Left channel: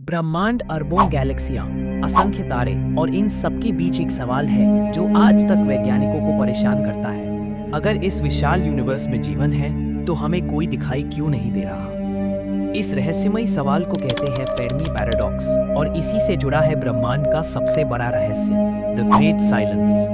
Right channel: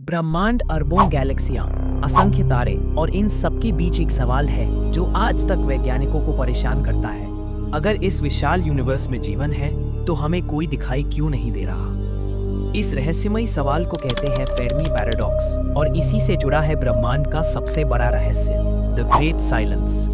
ब्रह्मांड, अरबों गैलेक्सियां, असंख्य तारे और इन सब के बीच एक सवाल है जो आज तक वैज्ञानिकों को परेशान करता है। अगर इस विशाल यूनिवर्स में जीवन है तो हमें कोई दिखाई क्यों नहीं दे रहा? इस रहस्यमयी सवाल को कहते हैं फेर्मी पैराडॉक्स और इसी से जुड़ा है ब्रह्मांड का सबसे बड़ा रहस्य, द ग्रेट साइलेंस।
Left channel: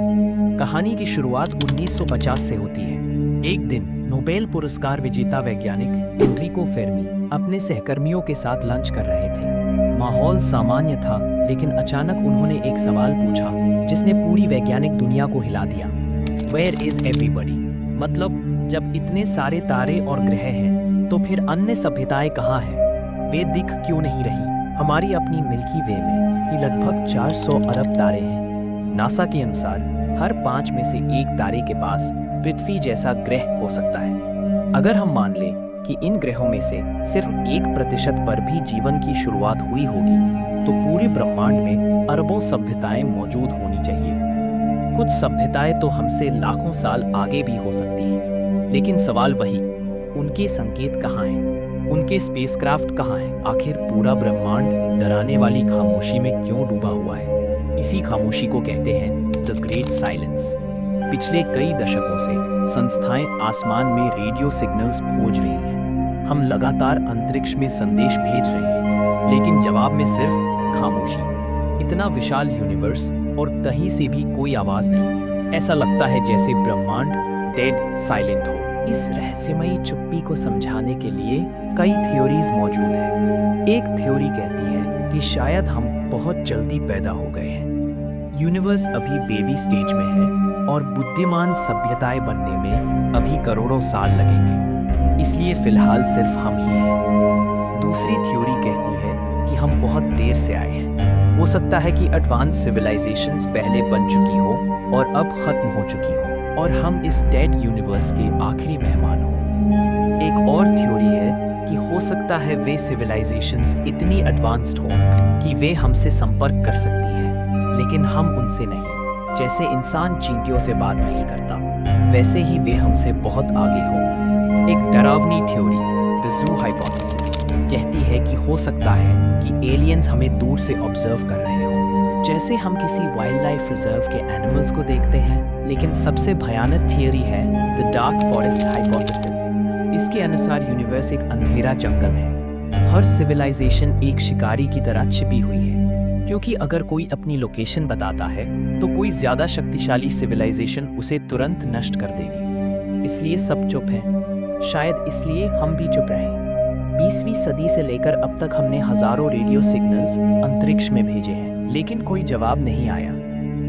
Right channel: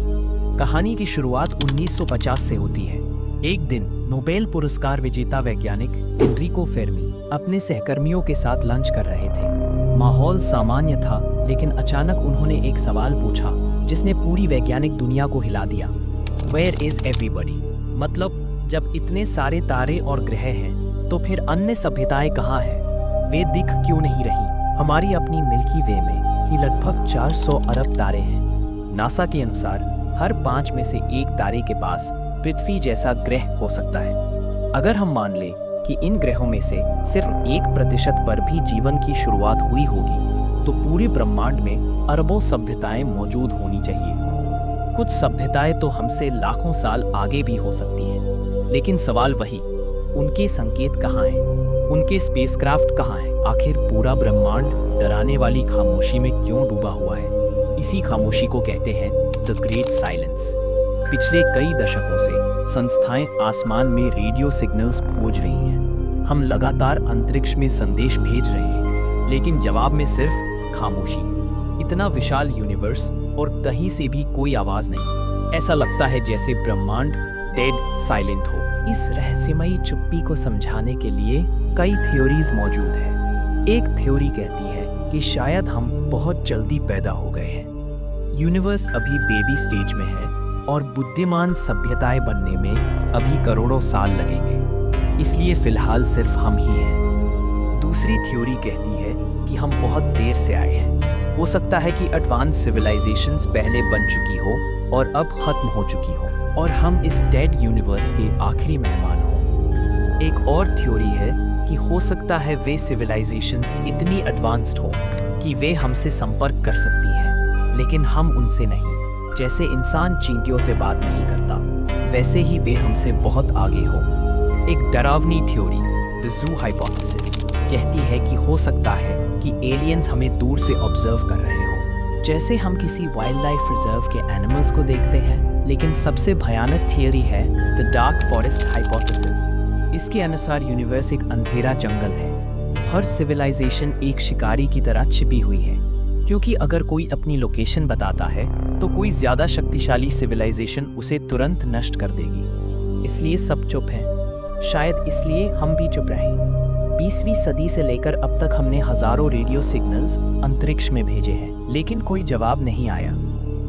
कहानी की शुरुआत 1950 से होती है। एक दिन नोबेल पुरस्कार विजेता वैज्ञानिक एनरिको फेर्मी अपने सहकर्मियों के साथ लंच कर रहे थे। माहौल सामान्य था, लेकिन अचानक उन्होंने एक सवाल पूछा जिसने पूरी वैज्ञानिक दुनिया को हिला दिया। Where is everybody? मतलब जब इतने सारे तारे और ग्रह हैं, तो फिर अन्य सभ्यताएं कहाँ हैं? वे दिख क्यों नहीं रही? हमारी अपनी मिल्की वे में ही लगभग 400 अरब तारे हैं। नासा के अनुसार हर 5 में से एक तारे के पास पृथ्वी जैसा ग्रह हो सकता है। अगर हम मान लें कि इन ग्रहों में से सिर्फ 1% पर भी जीवन की शुरुआत हुई होगी, तो पूरे ब्रह्मांड में अरबों सभ्यताएं मौजूद होनी चाहिए। कुछ सभ्यताएं तो हमसे लाखों साल आगे भी हो सकती हैं। लेकिन सवाल वही, उनके संकेत कहाँ हैं? उनके स्पेसक्राफ्ट कहाँ हैं? आखिर पूरा ब्रह्मांड डराने वाली खामोशी में क्यों डूबा हुआ है? इसी खामोशी को कहते हैं द ग्रेट साइलेंस। पिछले कई दशकों से संस्थाएं आसमान में रेडियो सिग्नल्स खोज रही हैं। हम लगातार अंतरिक्ष में संदेश भेज रहे हैं, लेकिन जवाब में सिर्फ खामोशी। इतना विशाल यूनिवर्स और कहीं से भी कोई आवाज नहीं। ऐसा लगता है जैसे ब्रह्मांड डेड साइलेंट हो। इस रहस्यमयी चुप्पी को समझाने के लिए कई थ्योरीज मौजूद हैं। एक थ्योरी कहती है कि शायद हम बहुत जल्दी पैदा हो गए हैं। यूनिवर्स अभी बेबी स्टेज में है और बुद्धिमान सभ्यताएं बनने में अभी करोड़ों साल लगेंगे, इसलिए फिलहाल सिर्फ हम ही हैं। दूसरी थ्योरी कहती है कि हम बहुत देर से आए हैं। हो सकता है कि एडवांस सिविलाइजेशंस पहले बन चुकी हो और अब खत्म हो चुकी हो, और हम इस डेड यूनिवर्स के आखिरी मेहमान हो। एक और थ्योरी है कि हो सकता है वे सिविलाइजेशंस इतनी एडवांस्ड हो कि वे हमसे संपर्क कर सकती हैं, लेकिन हम उनसे नहीं। जैसे इंसान चींटियों से बात नहीं करता, वैसे ही वे हमसे बहुत आगे हो। एक डरावनी थ्योरी, द ज़ू हाइपोथेसिस, कहती है कि हो सकता है कि एलियंस हमें दूर से ऑब्जर्व कर रहे हो, जैसे हम किसी वाइल्ड लाइफ रिजर्व के एनिमल्स को देखते हैं। लेकिन सबसे भयानक थियरी है द डार्क फॉरेस्ट हाइपोथेसिस। इसके अनुसार यूनिवर्स एक अंधेरा जंगल है। हर सिविलाइजेशन एक शिकारी की तरह छिपी हुई है, क्योंकि अगर कोई अपनी लोकेशन बताता है तो कोई ज्यादा शक्तिशाली सिविलाइजेशन उसे तुरंत नष्ट कर देगी। इसलिए सब चुप हैं। शायद इसलिए हम भी चुप रहें। 20वीं सदी से लेकर अब तक हमने हजारों रेडियो सिग्नल्स अंतरिक्ष में भेजे हैं, लेकिन कोई जवाब नहीं आया।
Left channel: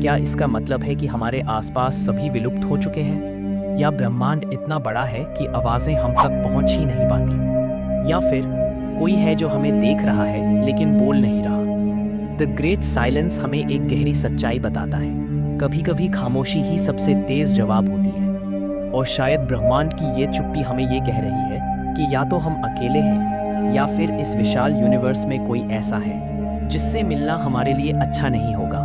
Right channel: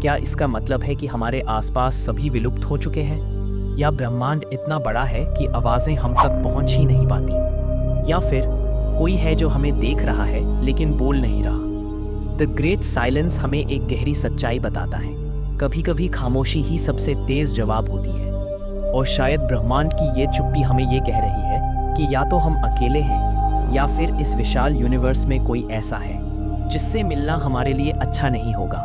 क्या इसका मतलब है कि हमारे आसपास सभी विलुप्त हो चुके हैं? या ब्रह्मांड इतना बड़ा है कि आवाजें हम तक पहुंच ही नहीं पाती? या फिर कोई है जो हमें देख रहा है लेकिन बोल नहीं रहा? द ग्रेट साइलेंस हमें एक गहरी सच्चाई बताता है। कभी कभी खामोशी ही सबसे तेज जवाब होती है, और शायद ब्रह्मांड की ये चुप्पी हमें ये कह रही है कि या तो हम अकेले हैं, या फिर इस विशाल यूनिवर्स में कोई ऐसा है जिससे मिलना हमारे लिए अच्छा नहीं होगा।